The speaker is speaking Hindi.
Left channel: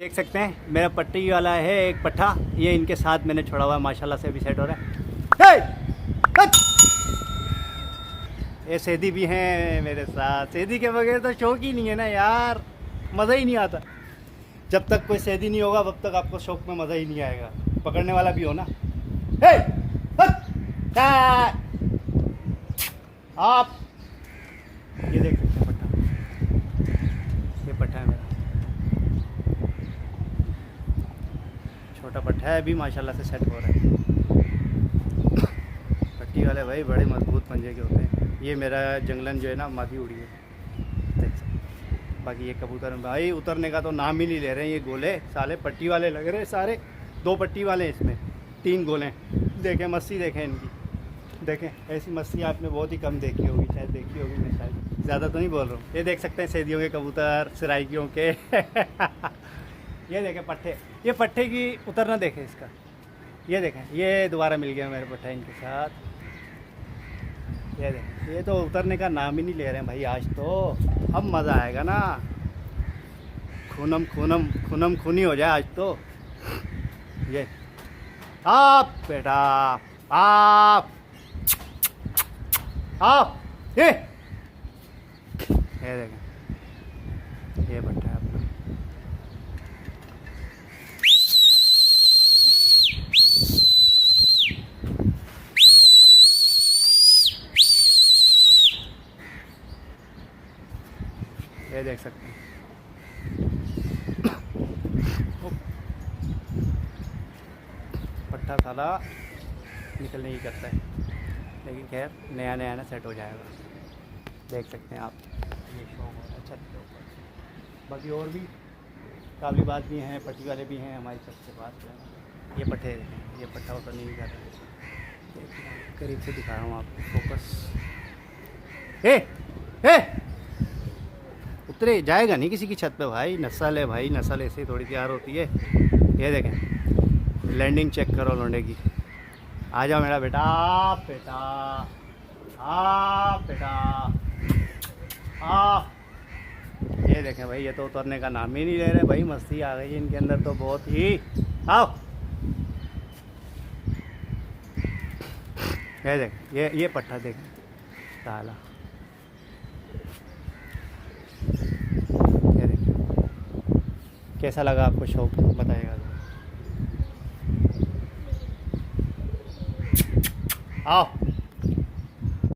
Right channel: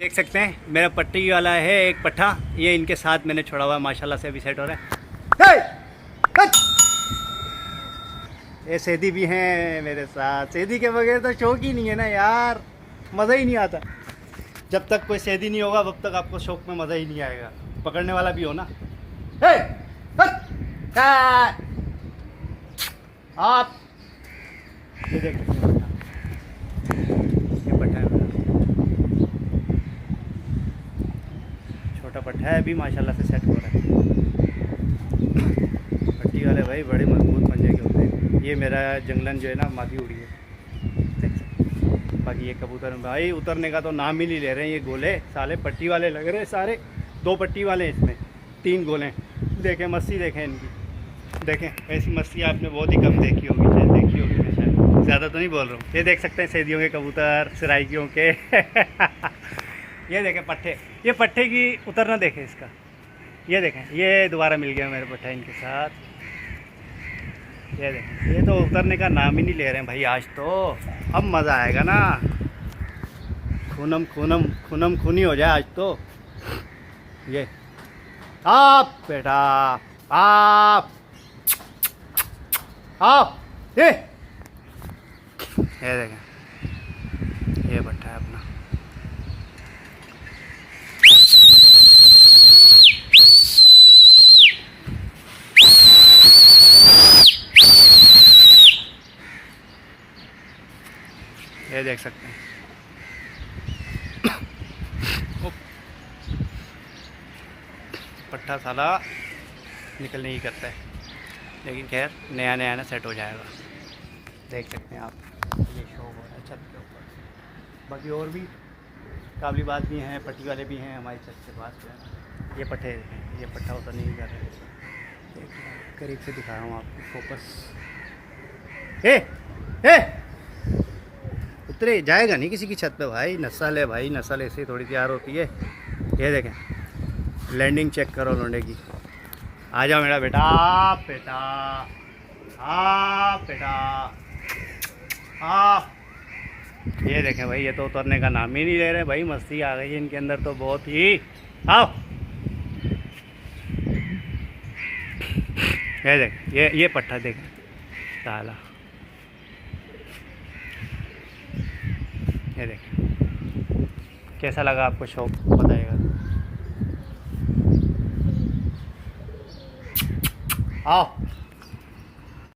देख सकते हैं मेरा पट्टी वाला है एक पट्ठा, ये इनके साथ मैंने छोड़ा हुआ है, माशाल्लाह से अभी सेट हो रहा है। ये सैदी भी हैं मेरे साथ। सैदी के बगैर तो शौक ही नहीं है ना यार, मज़ा ही नहीं आता। जब तक कोई सैदी नहीं होगा तब तक आपको शौक में मज़ा ही नहीं आएगा। पकड़ने वाला भी हो ना। आप ये देख सकते हैं पट्ठा, ये पट्ठा है मेरा, छोटा पट्ठा है, अभी माशाल्लाह से सेट हो रहा है। पट्टी वाले भाई बड़े मजबूत पंजे के होते हैं। ये मेरा जंगलन जो है ना मादी उड़ी है, देखिए। बाकी ये कबूतर भाई उतरने का तो नाम ही नहीं ले रहे हैं। ये गोले साले पट्टी वाले लग रहे हैं सारे, 2 पट्टी वाले हैं इसमें, 3 गोले। देखें मस्ती देखें इनकी, देखें ऐसी मस्ती आपने बहुत ही कम देखी होगी, शायद देखी होगी, मैं शायद ज़्यादा तो नहीं बोल रहा हूँ। ये देख सकते हैं सैदियों के कबूतर, सराइकियों के। ये देखें पट्ठे, ये पट्ठे की उतरना देखें इसका, ये देखें, ये दोबारा मिल गया मेरा पट्ठा इनके साथ। ये देखें, ये तो उतरने का नाम ही नहीं ले रहे हैं भाई आज तो। अब मज़ा आएगा ना, खूनम खूनी हो जाए आज तो। ये आप बेटा आप ये देखें, ये पट्ठा है अपना। ये देख सकते हैं पट्ठा साला निकलने ही करता है, लेकिन खैर नया ना सेट हो जाएगा। देख सकते हैं आप, ये शो हो रहा है छत के ऊपर। बाकी और भी काबली बात भी हैं, पट्टी वाले भी हैं हमारी छत के पास जो है। ये पट्टे देखें, ये पट्ठा उतर नहीं कर रहा है, देखिए करीब से दिखा रहा हूँ आपको, फोकस। उतरे जाएगा नहीं किसी की छत पे भाई, नस्ल है भाई, नस्ल ऐसे ही थोड़ी तैयार होती है। ये देखें लैंडिंग चेक करो लोंडे की। आ जाओ मेरा बेटा, बेटा बेटा ये देखें भाई, ये तो उतरने का नाम ही नहीं ले रहे भाई। मस्ती आ गई है इनके अंदर तो बहुत ही। आओ ये देखें, ये पट्ठा देखें ताला, ये देखें। कैसा लगा आपको शौक बताइएगा। आओ